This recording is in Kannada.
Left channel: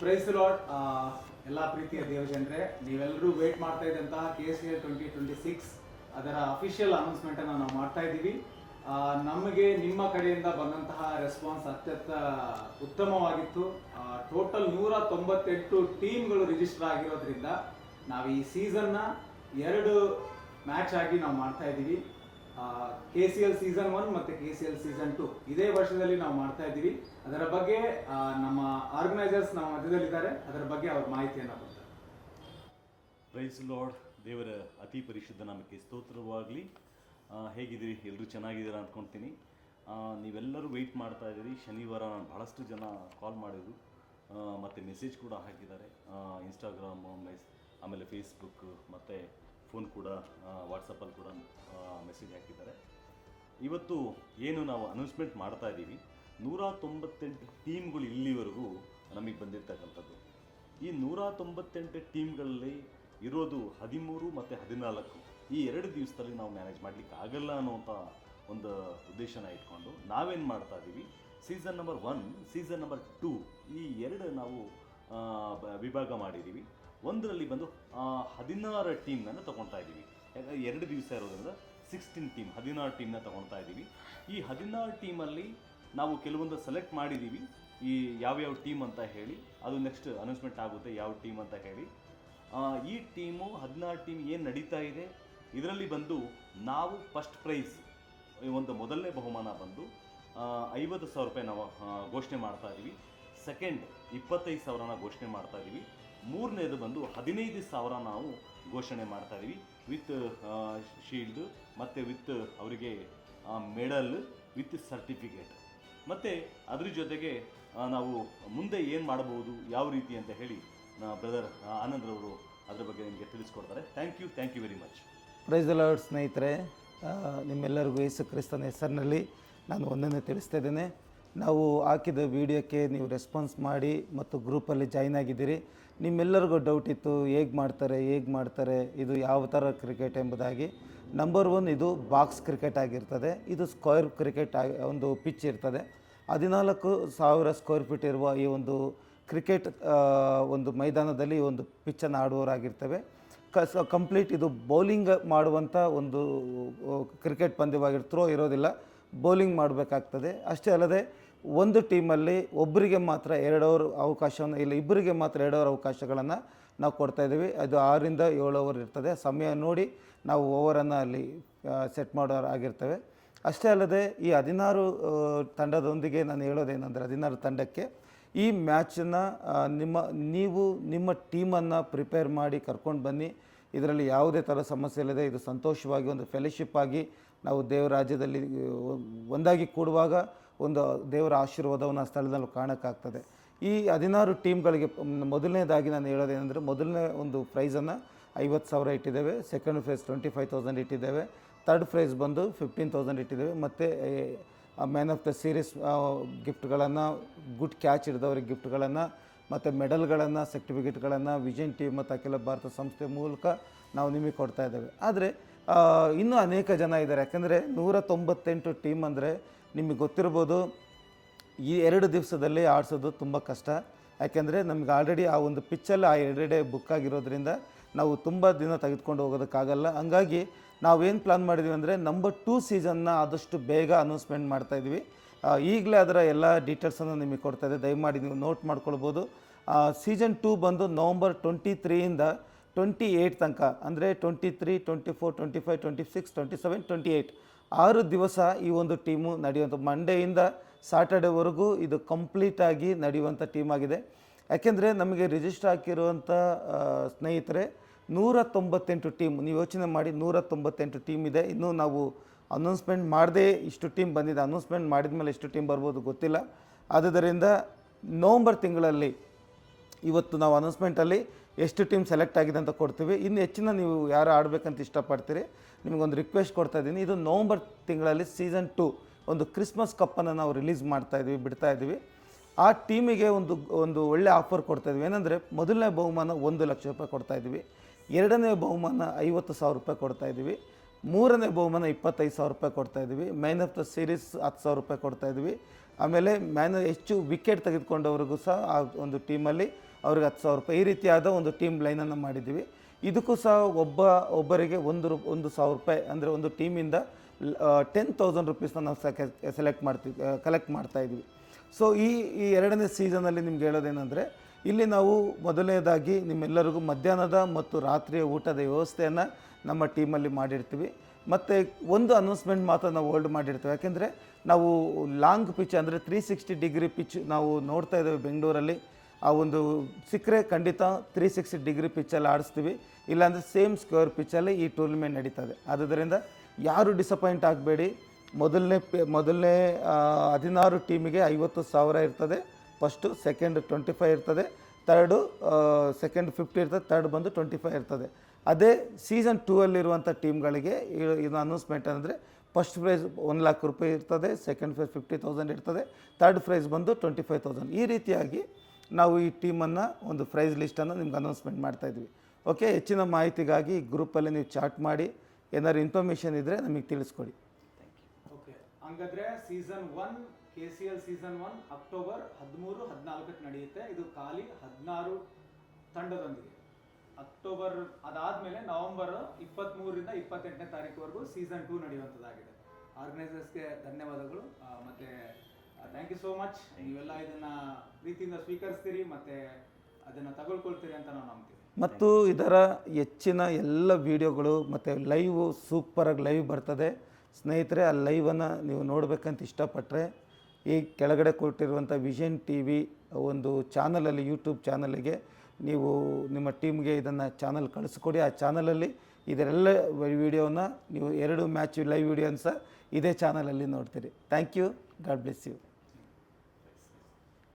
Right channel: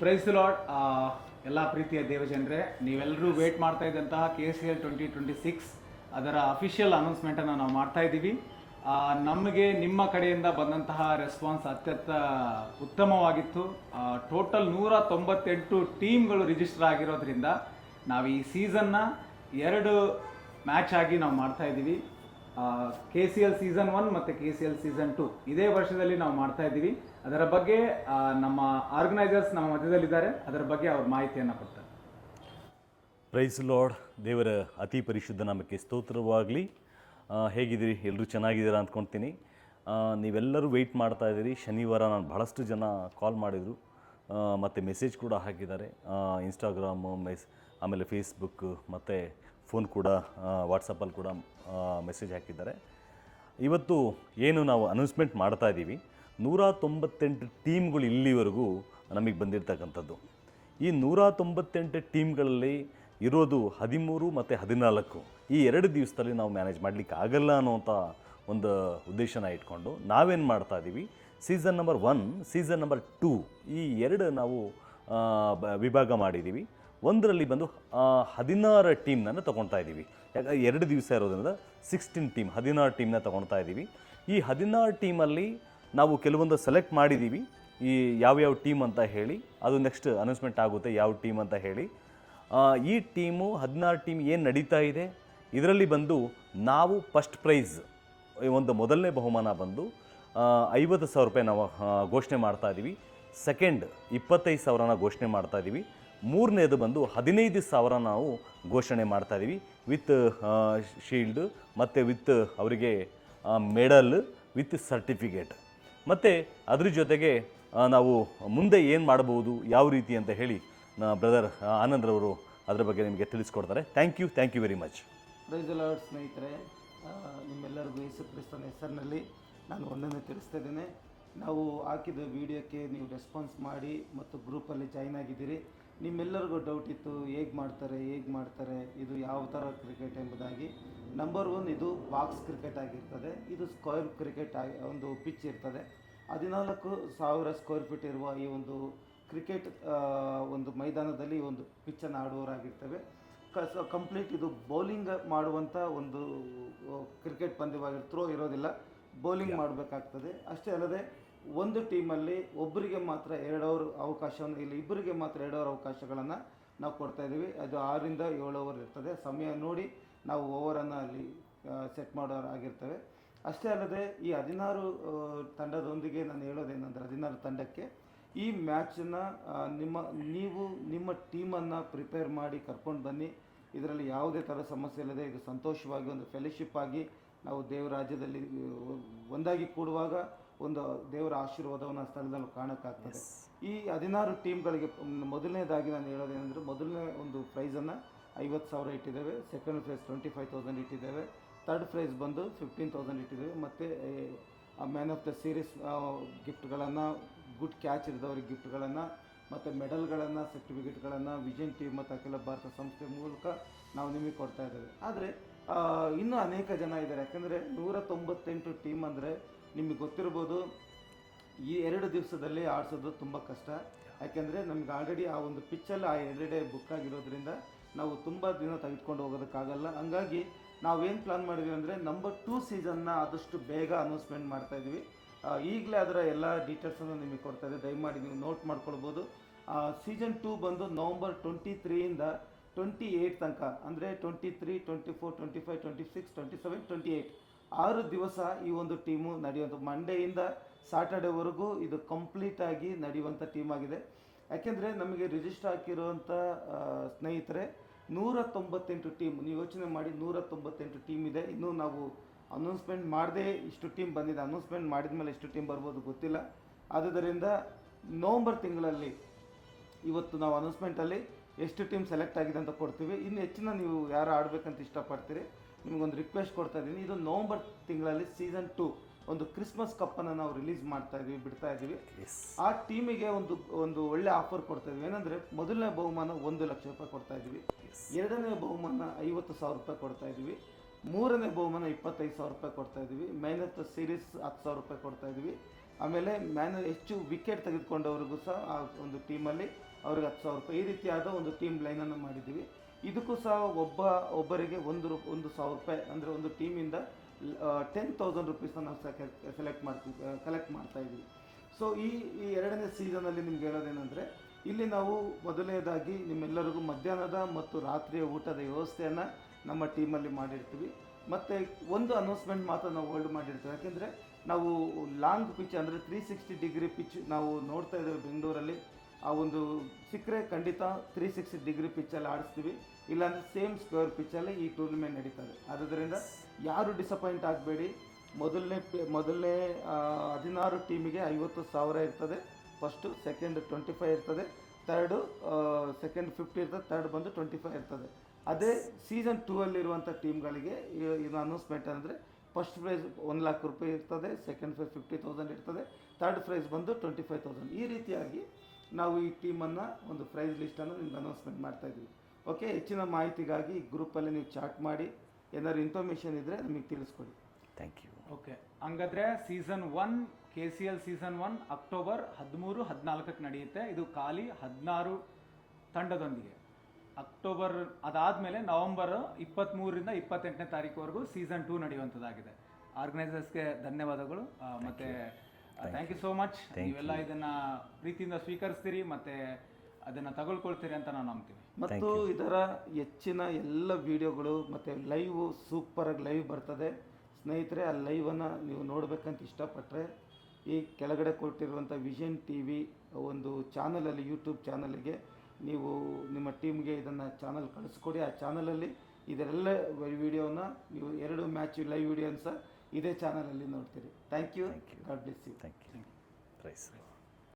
ಪ್ರೈಸ್ ಲಾರ್ಡ್ ಎಲ್ಲ ಪ್ರೀತಿಯ ದೇವಜನರೇ, ನೀವೆಲ್ಲರೂ ವೇಟ್ ಮಾಡ್ತಾ ಇದ್ದಂತಹ KCL 2026 ಅದರ ಅಫಿಷಿಯಲ್ ಅನೌನ್ಸ್ಮೆಂಟನ್ನು ನಾವು ಮಾಡ್ತಾ ಇದ್ದೀವಿ. ನಮಗೆ ನಿಮ್ಮ ಕಡೆಯಿಂದ ಬಂದಂತಹ ರೆಸ್ಪಾನ್ಸ್ ಅತ್ಯಂತ ಉತ್ತಮವಾಗಿತ್ತು. ಟೋಟಲ್ 198 ಟೀಮ್ಗಳು ರಿಜಿಸ್ಟರ್ ಆಗಿರೋದ್ರಿಂದ ನಾವು ಈ ಸೀಸನ್ನ 2 ಮ್ಯಾಚ್ ಆಗಿ ನಾವು ಮಾಡ್ತಾ ಇದ್ದೀವಿ. KCL ಸೀಸನ್ 1 ಮತ್ತು KCL ಸೀಸನ್ 2 ಇದೇ ವರ್ಷದಲ್ಲಿ ನಾವು ಮಾಡ್ತಾ ಇದ್ದೀವಿ. ಅದರ ಬಗ್ಗೆ ನಮ್ಮ ಆರ್ಗನೈಸರ್ಸ್ ನಮ್ಮ ಮಧ್ಯದಲ್ಲಿದ್ದಾರೆ, ಅದರ ಬಗ್ಗೆ ಅವ್ರ ಮಾಹಿತಿಯನ್ನು ಕೊಡ್ತಾರೆ. ಪ್ರೈಸ್ ಲಾರ್ಡ್, ದೇವರ ಅತಿ ಪರಿಶುದ್ಧ ನಾಮಕ್ಕೆ ಸ್ತೋತ್ರವಾಗಲಿ. ಹೇಗಿದ್ದೀರಿ? ಎಲ್ಲರೂ ಚೆನ್ನಾಗಿದ್ದೀರಾ ಅಂದ್ಕೊಳ್ತೀನಿ. ನೀವೆಲ್ಲರೂ ವೆಯ್ಟ್ ಮಾಡ್ತಾ ಇದ್ದೀರಿ. ಶನಿವಾರ ನಾನು ಬಹಳಷ್ಟು ಜನ ಕಾಲ್ ಮಾಡಿದರು ಮತ್ತು ಮೆಸೇಜ್ ಕೂಡ ಹಾಕಿದ್ದಾರೆ. ಇನ್ಸ್ಟಾಗ್ರಾಮು ಆಮೇಲೆ ಫೇಸ್ಬುಕ್ ಮತ್ತು ಫೋನ್ ಕೂಡ ವಾಟ್ಸಪ್ಪಲ್ಲಿ ಕೂಡ ಮೆಸೇಜ್ ಹಾಕಿದ್ದಾರೆ. ಇವತ್ತು ಏನು ನಾವು ಅನೌನ್ಸ್ಮೆಂಟ್ ಮಾಡ್ತಾ ಇದ್ದೀವಿ, 198 ಟೀಮ್ಗಳು ಇಲ್ಲಿವರೆಗೂ ನಮಗೆ ಬಂದಿರತಕ್ಕಂಥದ್ದು. ಈ 198 ಟೀಮ್ಗಳಲ್ಲಿ ಇರೋದು 13 ಮತ್ತು 14. ಈ 2 ದಿವಸದಲ್ಲಿ ನಾವು ಮ್ಯಾನೇಜ್ ಮಾಡಲಿಕ್ಕೆ ಆಗಲ್ಲ ಅನ್ನೋಂಥ ಒಂದು ಉದ್ದೇಶನ ಇಟ್ಕೊಂಡು ನಾವೇನು ಮಾಡ್ತಾ ಇದ್ದೀವಿ, ಸೀಸನ್ ನಂಬರ್ 1, ಸೀಸನ್ ನಂಬರ್ 2 ಈ 2 ನಾವು ವಿಭಾಗ ಮಾಡಿದ್ದೀವಿ. ಒಂದರಲ್ಲಿ ಬಂದು 16 ಟೀಮ್ನನ್ನು ತೊಗೊಳ್ತಾ ಇದ್ದೀವಿ. ಯಾಕಂದರೆ 2 ದಿವಸ ಇರೋದ್ರಿಂದ 16 ಟೀಮ್, 16 ಟೀಮ್ನ ತೊಗೊಳ್ತಾ ಇದ್ದೀವಿ. ಈ 16 ಟೀಮಲ್ಲಿ ನಾವು ಕೆಲವೊಂದು ಸೆಲೆಕ್ಟ್ ಮಾಡಿದ್ದೀವಿ, ಈ ಯಾವ್ಯಾವ ಟೀಮ್ ಅಂತ ಹೇಳಿ. ಅದು ನೆಕ್ಸ್ಟ್ ಅನೌನ್ಸ್ಮೆಂಟ್ ಆಗುತ್ತೆ ಯಾವ ಟೀಮ್ ಅಂತ ಹೇಳಿ. ಈ ಟೀಮು 16 ಟೀಮ್ ಏನು ನಡೀತಾ ಇದೆ, ಇದರಲ್ಲಿ ಬಂದು ನಾವು ಫಸ್ಟ್ ಪ್ರೈಸ್ ಒಂದು ಮೊದಲನೇ ಬಹುಮಾನ ಬಂದು 50,000 ರೂಪಾಯಿ ನಾವು ಘೋಷಣೆ ಮಾಡ್ತಾ ಇದ್ದೀವಿ. ಸೆಕೆಂಡ್ 25,000ನ ಘೋಷಣೆ ಮಾಡ್ತಾ ಇದ್ದೀವಿ. ಮೂರನೇದು ಬಂದು 15,000 ನಾವು ಘೋಷಣೆ ಮಾಡ್ತಾ ಇದ್ದೀವಿ, ವಿತ್ ಶೀಲ್ಡ್ ಮತ್ತು ವಿತ್ ಅವರಿಗೆ ಮೆಡಲ್ ವಿತ್ ಸರ್ಟಿಫಿಕೇಟ್. ಮತ್ತು ಅದ್ರ ಜೊತೆಗೆ ನಾವು ಮುಂದೆ ಏನು ಮಾಡ್ಬೋದು, ಯಾವ ರೀತಿ ಅಂತ ಹೇಳಿ ಬ್ರದರ್ ಆನಂದ್ರವರು ಅದರ ಬಗ್ಗೆ ನಿಮಗೆ ತಿಳಿಸ್ಕೊಡ್ತಾರೆ. Thank you very much. Praise the lord ಸ್ನೇಹಿತರೆ, ನಿಮ್ಮೆಲ್ಲರಿಗೂ ಯೇಸು ಕ್ರಿಸ್ತನ ಹೆಸರಿನಲ್ಲಿ ನಾನು ಒಂದನ್ನು ತಿಳಿಸ್ತಾ ಇದ್ದೇನೆ. ನಾವು ಹಾಕಿದ ವಿಡಿಯೋಕ್ಕೆ ನೀವು ರೆಸ್ಪಾನ್ಸ್ ಮಾಡಿ ಮತ್ತು ಗ್ರೂಪಲ್ಲಿ ಜಾಯ್ನ್ ಆಗಿದ್ದೀರಿ. ನಿಮ್ಮೆಲ್ಲರಿಗೂ ಡೌಟ್ ಇತ್ತು, ಹೇಗೆ ಮಾಡ್ತಾರೆ, ಇದು ಯಾವ ಥರ ಕ್ರಿಕೆಟ್ ಎಂಬುದಾಗಿ. ನಂಬರ್ 1, ಇದು ಬಾಕ್ಸ್ ಕ್ರಿಕೆಟ್ ಆಗಿರ್ತದೆ. ಇದು ಸ್ಕ್ವೇರ್ ಕ್ರಿಕೆಟ್ ಒಂದು ಪಿಚ್ ಇರ್ತದೆ. 14,000 ಸ್ಕ್ವೇರ್ ಫೀಟ್ ಇರುವ ಈ ಒಂದು ಕ್ರಿಕೆಟ್ ಒಂದು ಮೈದಾನದಲ್ಲಿ ಒಂದು ಪಿಚ್ಚನ್ನು ಆಡುವವರಾಗಿರ್ತವೆ. ಕಂಪ್ಲೀಟ್ ಇದು ಬೌಲಿಂಗ್ ಮಾಡುವಂಥ ಒಂದು ಕ್ರಿಕೆಟ್ ಪಂದ್ಯವಾಗಿ ಥ್ರೋ ಇರೋದಿಲ್ಲ, ಬೌಲಿಂಗ್ ಮಾಡಬೇಕಾಗ್ತದೆ. ಅಷ್ಟೇ ಅಲ್ಲದೆ ಒಂದು ಟೀಮಲ್ಲಿ ಒಬ್ಬರಿಗೆ ಮಾತ್ರ 2 ಓವರ್ ಅವಕಾಶವನ್ನು, ಇಲ್ಲ ಇಬ್ಬರಿಗೆ ಮಾತ್ರ 2 ಓವರ್ ಅವಕಾಶಗಳನ್ನು ನಾವು ಕೊಡ್ತಾಯಿದ್ದೀವಿ. ಅದು 6ರಿಂದ 7 ಓವರ್ ಇರ್ತದೆ. ಸಮಯ ನೋಡಿ ನಾವು ಓವರನ್ನು ಅಲ್ಲಿ ಸೆಟ್ ಮಾಡೋರಾಗಿರ್ತೇವೆ. ಅಷ್ಟೇ ಅಲ್ಲದೆ ಈ 16 ತಂಡದೊಂದಿಗೆ ನಾನು ಹೇಳೋದೇನೆಂದರೆ, 16 ತಂಡಕ್ಕೆ ಈ ಮ್ಯಾಚನ್ನು ನೀವು ನಿಮ್ಮ ಟೀಮನ್ನು ಪ್ರಿಪೇರ್ ಮಾಡಿ ಕರ್ಕೊಂಡು ಬನ್ನಿ. ಇದರಲ್ಲಿ ಯಾವುದೇ ಥರ ಸಮಸ್ಯೆ ಇಲ್ಲದೆ ಇದು ಸಂತೋಷವಾಗಿ ಒಂದು ಫೆಲೋಶಿಪ್ ಆಗಿ ನಾವು ದೇವರ ರಾಜ್ಯದಲ್ಲಿ ಒಂದಾಗಿ ಕೂಡುವಾಗ ಒಂದು ದೇವರ ಆಶೀರ್ವಾದವನ್ನು ಆ ಸ್ಥಳದಲ್ಲಿ ಕಾಣೋಕ್ಕಾಗ್ತದೆ. ಈ 16 ಟೀಮ್ಗಳಿಗೆ ಮೊದಲನೇದಾಗಿ ನಾನು ಹೇಳೋದೇನೆಂದರೆ, ಮೊದಲನೇ ಒಂದು ಪ್ರೈಸನ್ನು 50,000 ಇಟ್ಟಿದ್ದೇವೆ. ಸೆಕೆಂಡ್ ಪ್ರೈಸ್ 25,000 ಇಟ್ಟಿದ್ದೇವೆ. ಥರ್ಡ್ ಪ್ರೈಸ್ ಬಂದು 15,000 ಇಟ್ಟಿದ್ದೇವೆ. ಮತ್ತು ಮ್ಯಾನ್ ಆಫ್ ದ ಸೀರೀಸ್ ಗಿಫ್ಟ್ಗಳನ್ನು, ಗುಡ್ ಕ್ಯಾಚ್ ಹಿಡಿದವ್ರಿಗೆ ಗಿಫ್ಟ್ಗಳನ್ನು, ಮತ್ತು ಮೆಡಲ್ಗಳನ್ನು, ಸರ್ಟಿಫಿಕೇಟ್ಗಳನ್ನು ವಿಜನ್ ಟೀಮ್ ಮತ್ತು ಅಖಿಲ ಭಾರತ ಸಂಸ್ಥೆ ಮೂಲಕ ನಾವು ನಿಮಗೆ ಕೊಡ್ತಾ ಇದ್ದೇವೆ. ಆದರೆ ಇನ್ನೂ ಅನೇಕ ಜನ ಇದ್ದಾರೆ. ಯಾಕಂದರೆ 198 ಟೀಮ್ ಅಂದರೆ ನಿಮಗೆ ಗೊತ್ತಿರ್ಬೋದು, ಈ 2 ದಿವಸದಲ್ಲಿ ಆಡಿಸೋದು ತುಂಬ ಕಷ್ಟ. ಯಾಕೆಂದರೆ ನಮ್ಗೆ ಆಲ್ರೆಡಿ ಆ ಒಂದು ಪಿಚ್ಚಲ್ಲಿ ಆ 2 ಡೇ ಬುಕ್ ಆಗಿರೋದ್ರಿಂದ ನಾವು ತುಂಬ ದಿನ ತೆಗೆದುಕೊಂಡು ಹೋಗೋದಕ್ಕಾಗಲ್ಲ. ಹಂಗಾಗಿ ನಾವೇನು ಪ್ಲಾನ್ ಮಾಡಿದ್ವಿ ಅಂದರೆ, ನಂಬರ್ 2 ಸೀಸನ್ನ ಆದಷ್ಟು ಬೇಗ ಅನೌನ್ಸ್ಮೆಂಟ್ ಮಾಡ್ತಾಯಿದ್ವಿ. ಈಗಲೇ ಅದರ ಎಲ್ಲ ಡೀಟೇಲ್ಸನ್ನು ನಿಮಗೆ ಕೊಡ್ತಾಯಿದ್ದೆ, ದಯಮಾಡಿ ನೀವು ನೋಟ್ ಮಾಡ್ಕೊಳ್ಬೋದು. ಸೀಸನ್ 2 ಬಂದು ನವಂಬರ್ 23ಯಿಂದ 28 ತನಕ, ಅಂದರೆ 23, 24, 25, 26, 27, 28 6 ದಿವಸ ಈ ಒಂದು ಟೀಮು ನಡೆಯುವಂಥ, ಮಂಡೆಯಿಂದ ಸಾಟರ್ಡೇವರೆಗೂ ಇದು ಕಂಪ್ಲೀಟಾಗಿ ನಡೆಯುವಂಥ ಟೀಮ್ ಆಗಿದೆ. ಯಾಕೆಂದರೆ ನಮಗೆ ರಿಜಿಸ್ಟರ್ ಹಾಕಿರುವಂಥ ಸ್ನೇಹಿತರೆ 198 ಟೀಮ್. ನೀವು ಯೋಚನೆ ಮಾಡಿ, 198 ಟೀಮ್ ಇದೆ. ಇನ್ನೂ ನಾವು ಅನೌನ್ಸ್ಮೆಂಟ್ ಮಾಡದೆ ಇಷ್ಟು ಟೀಮ್ ಬಂದಿದೆ. ಅನೌನ್ಸ್ಮೆಂಟ್ ಮಾಡಿದ ಮೇಲೆ ಎಷ್ಟು ಟೀಮ್ ಬರ್ಬೋದು ಗೊತ್ತಿಲ್ಲ. ಆದುದರಿಂದ ನವಂಬರ್ ತಿಂಗಳಲ್ಲಿ ಇವತ್ತು ನಾವು ಅನೌನ್ಸ್ಮೆಂಟಲ್ಲಿ ಎಷ್ಟು ಟೀಮ್ ಸೆಲೆಕ್ಟ್ ಆಗಿದೆ ಅಂತ ಕೊಡ್ತೀವಿ. ಇನ್ನು ಹೆಚ್ಚಿನ ನೀವು ಯಾರು ಆಡಬೇಕಂತ ಇಷ್ಟಪಡ್ತೀರಿ, ನಿಮಗೊಂದು ರಿಕ್ವೆಸ್ಟ್ ಕೊಡ್ತಾ ಇದ್ದೀನಿ. ಇದು ನವಂಬರ್ ತಿಂಗಳಲ್ಲಿ ಸೀಸನ್ 2 ಒಂದು ಕ್ರಿಸ್ಮಸ್ ಕಪ್ಪನ್ನು ನಾವು ರಿಲೀಸ್ ಬಿಡ್ತಾ ಇದ್ದೀವಿ. ಆ ಟೀಮಿಗೆ ಒಂದು ಒಳ್ಳೆ ಆಫರ್ ಕೊಡ್ತಾಯಿದ್ವಿ. ಏನಂದರೆ, ಮೊದಲನೇ ಬಹುಮಾನ 1 ಲಕ್ಷ ರೂಪಾಯಿ ಕೊಡ್ತಾಯಿದ್ವಿ. ಎರಡನೇ ಬಹುಮಾನ 50,000 ರೂಪಾಯಿ ಕೊಡ್ತಾಯಿದ್ವಿ. ಮೂರನೇ ಬಹುಮಾನ 25,000 ರೂಪಾಯಿ ಕೊಡ್ತಾಯಿದ್ವಿ. ಮ್ಯಾನ್ ಆಫ್ ದ ಸೀರೀಸ್ 10,000 ರೂಪಾಯಿ ಕೊಡ್ತಾಯಿದ್ವಿ. ಆಮೇಲೆ ಹೆಚ್ಚು ವಿಕೆಟ್ ತೆಗೆದುಕೊಂಡವ್ರಿಗೂ ಸಹ ಆ ಒಂದು ಟೀಮಲ್ಲಿ ಅವ್ರಿಗೆ 10,000 ರೂಪಾಯಿ, ಈ ರೀತಿಯಾದ ಒಂದು ಟೀಮ್ ಲೈನನ್ನು ಮಾಡಿದ್ದೀವಿ. ಇದಕ್ಕೂ ಸಹ ಒಬ್ಬರಿಗೆ 1,000 ರೂಪಾಯಿ, ಅಂದರೆ ಒಂದು ಟೀಮಿಂದ 10,000 ರುಪೀಸ್ನ ನಾವು ಕಲೆಕ್ಟ್ ಮಾಡ್ತಾ ಇದ್ವಿ. ಸೊ ಈ ಎರಡನೇ ಸೀಸನಲ್ಲಿ ನಿಮ್ಗೆ ಹೇಳೋದೇನೆಂದರೆ, ಇಲ್ಲಿ ನಾವು ಮೊದಲನೇದಾಗಿ ನಿಮ್ಮೆಲ್ಲರಿಗೂ ಮಧ್ಯಾಹ್ನದ ಮತ್ತು ರಾತ್ರಿಯ ಊಟದ ವ್ಯವಸ್ಥೆಯನ್ನು ನಮ್ಮ ಟೀಮಲ್ಲಿ ಮಾಡಿರ್ತೀವಿ. ಮತ್ತು ಒಂದು ಅನೌನ್ಸ್ಮೆಂಟ್ ಮಾತ್ರ ನಾವು ಹೋಲ್ಡ್ ಮಾಡಿರ್ತೀವಿ. ಯಾಕೆಂದರೆ ನಾವು ಲಾಂಗ್ ಪಿಚ್, ಅಂದರೆ 360 ಡಿಗ್ರಿ ಪಿಚ್ ನಾವು ನೋಡ್ತಾ ಇದ್ದೇವೆ ಬೆಂಗಳೂರಲ್ಲಿ. ಆ ಒಂದು ಸಿಕ್ಕರೆ ಖಂಡಿತ 360 ಡಿಗ್ರಿ ಪಿಚ್ಚಲ್ಲಿ ಆಡಿಸ್ತೀವಿ, ಇಲ್ಲಾಂದರೆ ಸೇಮ್ ಸ್ಕ್ವೇರ್ ಪಿಚ್ಚಲ್ಲಿ ಈ ಟೂರ್ನಿಮೆಂಟ್ ನಡೀತದೆ. ಆದ್ದರಿಂದ ಯಾರು ಡಿಸಪಾಯಿಂಟ್ ಆಗಬೇಡಿ. ಮೊದಲನೇ 16 ಟೀಮಿಗೆ 50,000 ಇರ್ತದೆ. ಫಸ್ಟು, ಸೆಕೆಂಡ್ 25 ಇರ್ತದೆ, ಸೆಕೆಂಡ್ 50 ಇರ್ತದೆ, ಥರ್ಡ್ ಬಂದು 25 ಇರ್ತದೆ. ಅದೇ ಸೀಸನ್ 2 ಅಲ್ಲಿರುವಂಥ ಟೀಮ್ಗಳಿಗೆ ಇದು ಅನೌನ್ಸ್ಮೆಂಟ್ ಅಂದರೆ, ಫಸ್ಟ್ ಪ್ರೈಸ್ 1,00,000 ರೂಪಾಯಿ ಇರ್ತದೆ, ಸೆಕೆಂಡ್ ಪ್ರೈಸ್ 50,000 ಇರ್ತದೆ, ಥರ್ಡ್ ಪ್ರೈಸ್ ಬಂದು 25,000. ಈ ರೀತಿಯಾಗಿ ನಾವು ಈ ಟೀಮನ್ನು ಒಂದು ಪ್ರೈಸ್ ಲಿಸ್ಟನ್ನು ನಿಮ್ಗೆ ಅನೌನ್ಸ್ಮೆಂಟ್ ಮಾಡ್ತಾಯಿದ್ವಿ. ಓಕೆ, ಹೆಚ್ಚಿನ ಮಾಹಿತಿಗಾಗಿ ಗ್ರೂಪಲ್ಲಿ ನೀವು ಚಾಟ್ ಮಾಡಿ, ಏನಾದ್ರು ಇನ್ಫಾರ್ಮೇಷನ್ ಇದ್ದರೆ ನಮಗೆ ತಿಳಿಸ್ಕೊಡಿ. Thank you. ಓಕೆ, ಹಂಗಾದ್ರೆ ಸೀಸನ್ 1 KCL ಸೀಸನ್ 1 ಅಕ್ಟೋಬರ್ 13-14 ನಡೆಯುತ್ತೆ. ಇದು ಖಾಲಿ 16 ತಂಡದೊಂದಿಗೆ. ಅಕ್ಟೋಬರ್ ಅದಾದಮೇಲೆ ನವೆಂಬರ್ 23ರಿಂದ 28ನೇ ತಾರೀಕುವರೆಗೂ ಸೀಸನ್ 2 ನಡೆಯುವಂಥದ್ದಾಗಿದೆ. ಆರ್ಗನೈಸರ್ಸ್ಗೆ ಧನ್ಯವಾದಗಳು. ಮತ್ತು ಥ್ಯಾಂಕ್ ಯು ಸೋ ಮಚ್. ನೀವೆಲ್ಲ ಇದನ್ನು ಪ್ರೀತಿಯಿಂದ ಸ್ವೀಕರಿಸ್ತೀರಿ ಮತ್ತು ಅದನ್ನು ತಗೊಳ್ಕೊಳ್ತೀರಿ ಅಂತ ನಾವು ನಂಬ್ತೀವಿ. ಮತ್ತು ಇದರ ಹೆಚ್ಚಿನ ಎಲ್ಲ ವೀಡಿಯೋಗಳು ಮತ್ತು ಲೈವ್ ಸೂಪರಾಗಿ ಲೈವ್ ಬರ್ತದೆ ಸ್ನೇಹಿತರೆ. ಆ ಲೈವನ್ನು ನೀವು ನೋಡಬೇಕಂತ ಇಷ್ಟಪಟ್ಟರೆ ಈ ಕೆಳಗಡೆ ಕೊಟ್ಟಿರುವಂಥ ವಿಷನ್ TV ಒಂದು ಚಾನಲಲ್ಲಿ, ಯೂಟ್ಯೂಬ್ ಚಾನಲಿಗೆ ನೀವು ನಿಮ್ಮ ಟೀಮ್ಗೆ ಇದನ್ನು ಚಾನಲ್ ಕಳಿಸ್ಕೊಡಿ. ಆ ಚಾನಲಲ್ಲಿ ಇದರೆಲ್ಲ ವೀಡಿಯೋನ ನೀವು 2 ಮ್ಯಾಚ್ ಲೈವ್ ವೀಡಿಯೋನ ಸಹ ಇದೇ ಚಾನಲಲ್ಲಿ ನೋಡ್ತೀರಿ. Thank you. God bless you.